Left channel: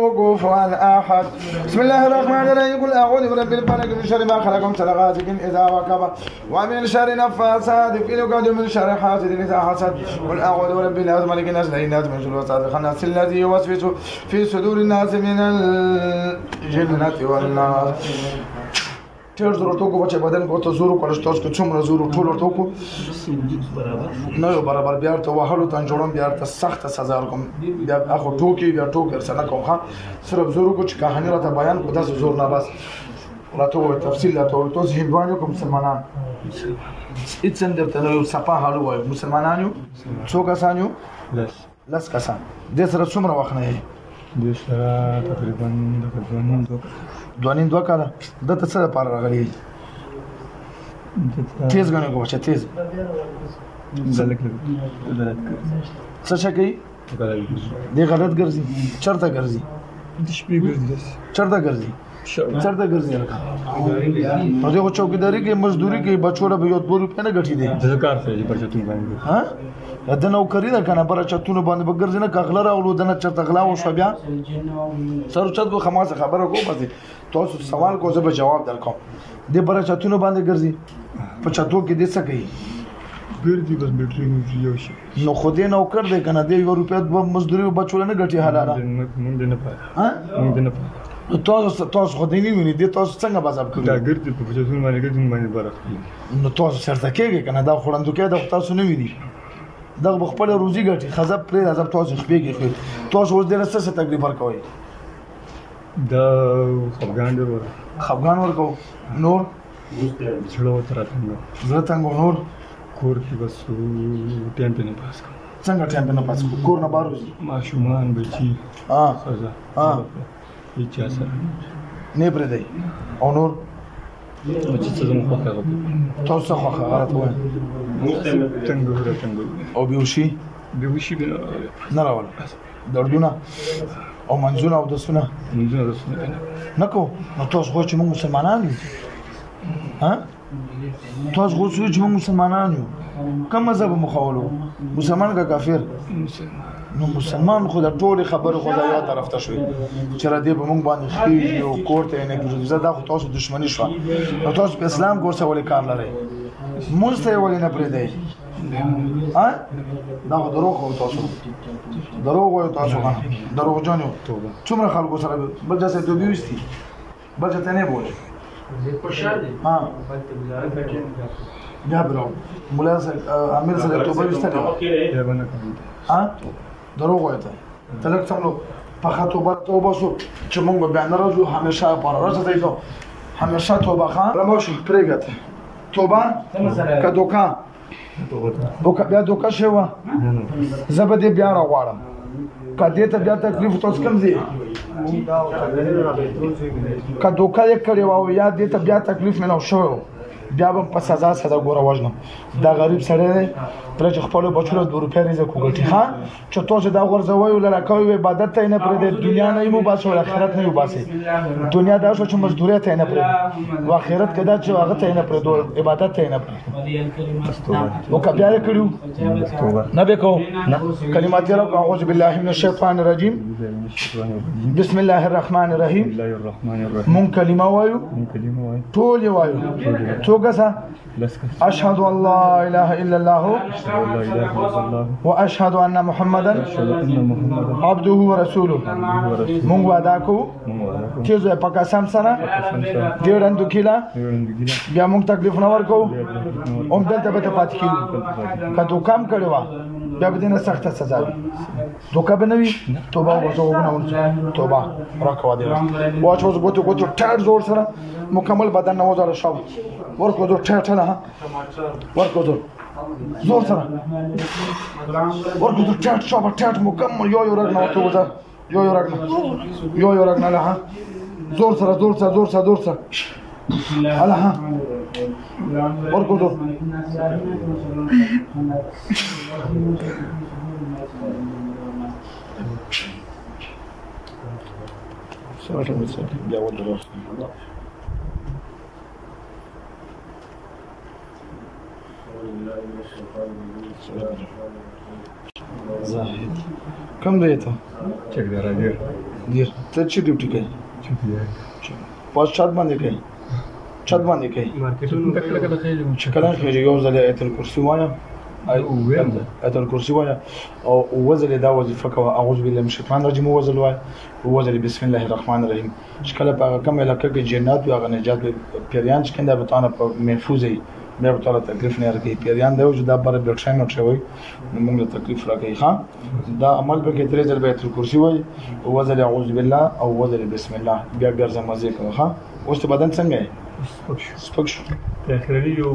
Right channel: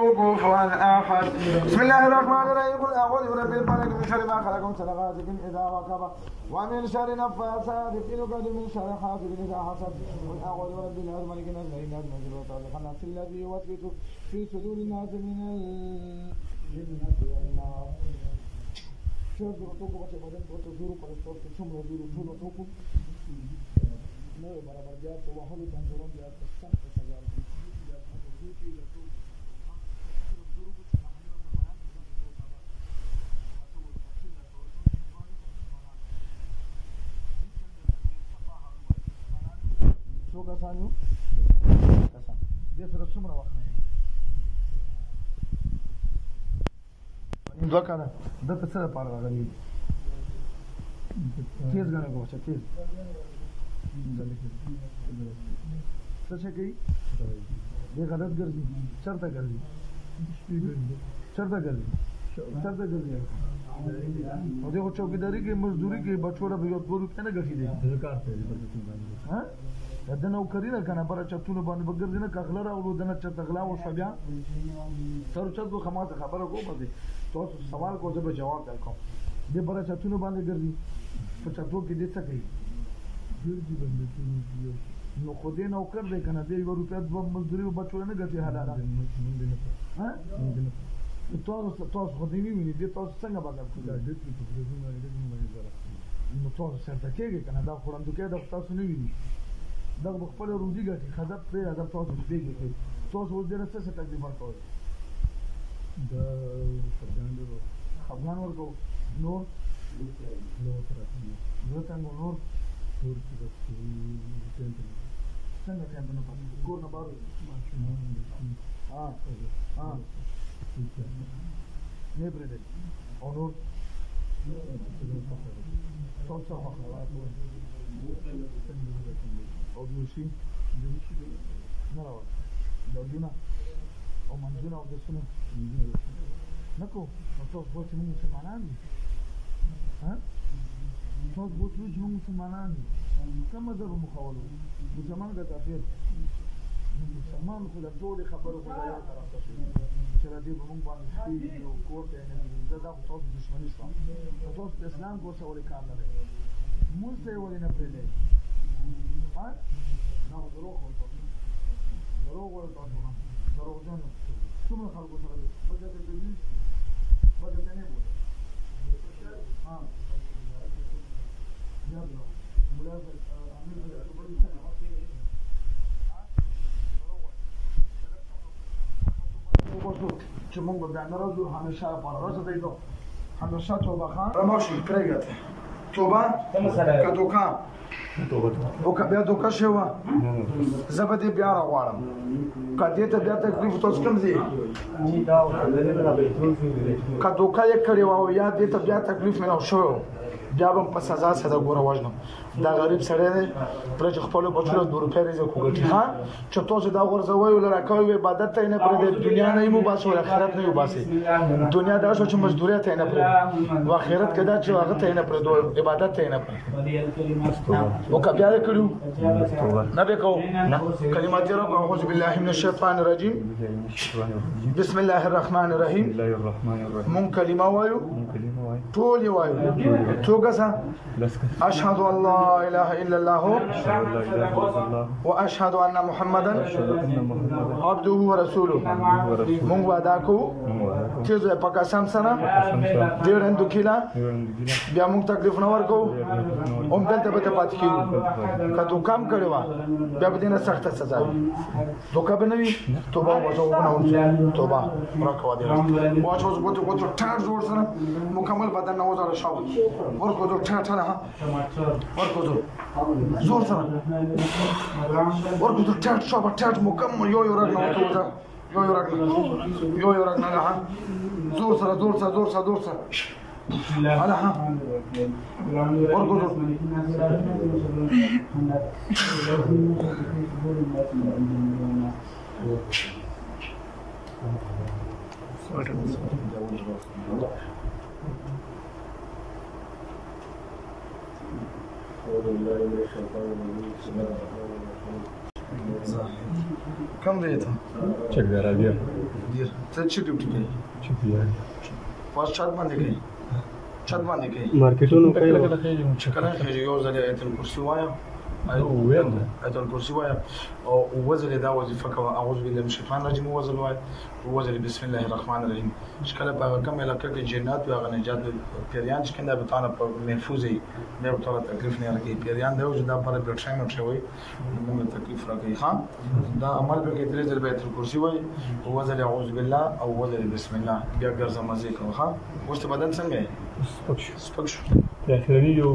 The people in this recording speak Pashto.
كفوا احد. بسم الله الرحمن الرحيم. قل اعوذ برب الفلق من شر ما خلق من شر غاسق اذا وقب ومن شر نفاثات في العقد من شر حاسد اذا حسد. قل اعوذ برب الناس ملك الناس اله الناس من شر الوسواس الخناس الذي يوسوس في صدور الناس من الجنة والناس. چیر ضرورت کو بچے بدن کو ته زورو کولسټرول کو څومره زورو ټول ورته کو نه یو برابر بیا ته وهلو ته جوړم بیا ته سخت سزا ورکوم بیا اخو ټوکی بیا ټوکر سره کوم ها صرف زورو کو چې کہانی راته بیان کو داس زور نه بس راته تفصیل راته تو هندوانو کوم مسلمانان اټس اندر ته یو صفه حالو وای مسلمانانو څو کسانو لس کسان د سره څومره وخت نه د سره تقریبا دوانین دوه کاله د ته څه لپاره راغلی تیز غنې کوم چې تیز څه شي کوي دی غلط ګرځي چرته ګرځي د شپې ګرځي چرته ګرځي چرته ګرځي نو دغه چوکیداری کې مزدوري کې بچوړه به یو 2 روپیا نه غټي دي د کار څه په چتون باندې ها د نو کری دا کنه بر چتون باندې بګرځي نه کغله راولو د نه چرته غلا او شو بیا سر چت به خماسه خبره کوم دي تاسو سوال کو زه به جواب درکوم د بر چتون باندې ګرځي په چتو کې د څه کوي ګرځي بس بیټری یو شي نو خو دې نو کړ دې کنه د 1 روپیا د مزدوري بچوړه نه غټي حلاله مونږ نه پاره ها مونږ نه پاره تاسو خو دې نه ویني د تاسو څنګه بازاب کوي دا ګرځي په چتون باندې ګرځي باندې برخه نو تاسو سرته کېږي کنه دا خوړندو کې د تاسو نه ویني دا خپل روزي ګټي خزب پرې راځم تاسو خپېږي تاسو اوس دې څه تکلیف ورکوي دا خفګان ډېر ور خفګان ورکو نور زړه وتره زړه څنګه نور کور کې بس ټیم په نه پاس کوم څنګه ټیم په نه پاس کور نه بارو ماشومان بچي ها هیڅ اثر نه پرې دی او نور بچي څه زموږ په کاغذ تاسو خو غلط وایي څنګه او بیوشي نه راول دردونه او منځونه او دسونه نه کو نو تاسو خو چې موږ مسلمانان یو ها تاسو خو چې موږ مسلمانان یو کوم مذهب مخاولو مسلمان کا کافر نو مسلمان خو د ټول خبره خو دا یو طرف ته شوی چې را دې به موږ باندې خېږي او کوړته نه کېږي زدا خو تاسو دښمنی شو نو تاسو په اسلام کور څه ولې کار لرئ موږ ته ولې نه پرې دی ها دا خو دروغ او تاسو دروغ او تاسو ها دروغ جانو څومره خلکو سره بل ځای ته دویستي بل ځای ته نه بوله ها بیا برو مولا سره امیر سره توبه وستل ها دروغ وایته تلک څنګه په خاطر توبه شو چې موږ بیا نه راځو همیشه پر راځي ته همیشه توبه خان رموشي پرېګته توبه که دوکا بیا دوکا شوه زه به دې بیا راغواړم که دې ته بیا تکلیف تاسو کوم ځای که دوکا یې کړې وه یا دې ته بیا تکلیف ملاو شوی بیا به په سزا سره ګوره وژنم دا غریب سړی دی پرې چې خپلو بچو له 2 روپۍ رزق وګټي ها چې تاسو دا غورځوئ ولله کوئ عبادت ته یې نه پرېږدئ دنیا نه یې وباسئ او آخرت نه یې وباسئ دنیا دا شوه چې مزدورۍ ته یې نه پرېږدو او آخرت کې دا چې هغه ته یې نه پرېږدو عبادت ته یې نه پرېږدو او که بیا یې کړي نه به کوو کلمات یې راکړو اعوذ بالله من الشیطان الرجیم بسم الله الرحمن الرحیم مونږ کلمه وایو ټول یې وایو څو کسه اشهد ان لا اله الا الله واشهد ان محمدا عبده ورسوله مونږ وعده کوو چې زه په قسم سره ډېرندو کیلا بیا مونږ تکلیف نه ورکو هم دلته به پاتې کیږو که تو کم کړی وه بیا به دې نه سخته سزا وي دوکه به نه وي توبه وباسو توبه راکوه دې واچ اوس ګوتو ټاټ زور سره مکمل بدن نه وځاله شو ورکو دو ټاټ نه ورکو دو زور سره ورکو دو ټاټ شو به ټاټ مکمل یو رګ نه وته وځه یو رګ نه ها زور سره هلا ها ورکو دو زاهد كم ريته؟ چک درجه دیر ته چې ډیوټي کوي پوس چت باندې کوي چت باندې کوي مارکیټونو کله کله خېږي چې کله خېږي یو ځل آیت الکرسی وایم آیت الکرسی وایم او وزل دا وظیفه کوه اعوذ بالله من الشیطان الرجیم وزل وایم وزل بسم الله الرحمن الرحیم چې کله په کوم علاقه کې جنات او هغه نجات پیریان چې کنده به تاسو په محفوظ وي بیا به تاسو تکلیف نه راکړي پیریان دا چې دا بر بلډ شاین او شوی موږ تکلیف راکړي ها دا عمل په کې درې ځل آیت الکرسی وای او وزل اعوذ بالله او وزل بسم الله بیا ګرځه مزه کوه ها اوس بدن څنګه ہے سپک شو په اخرنی یو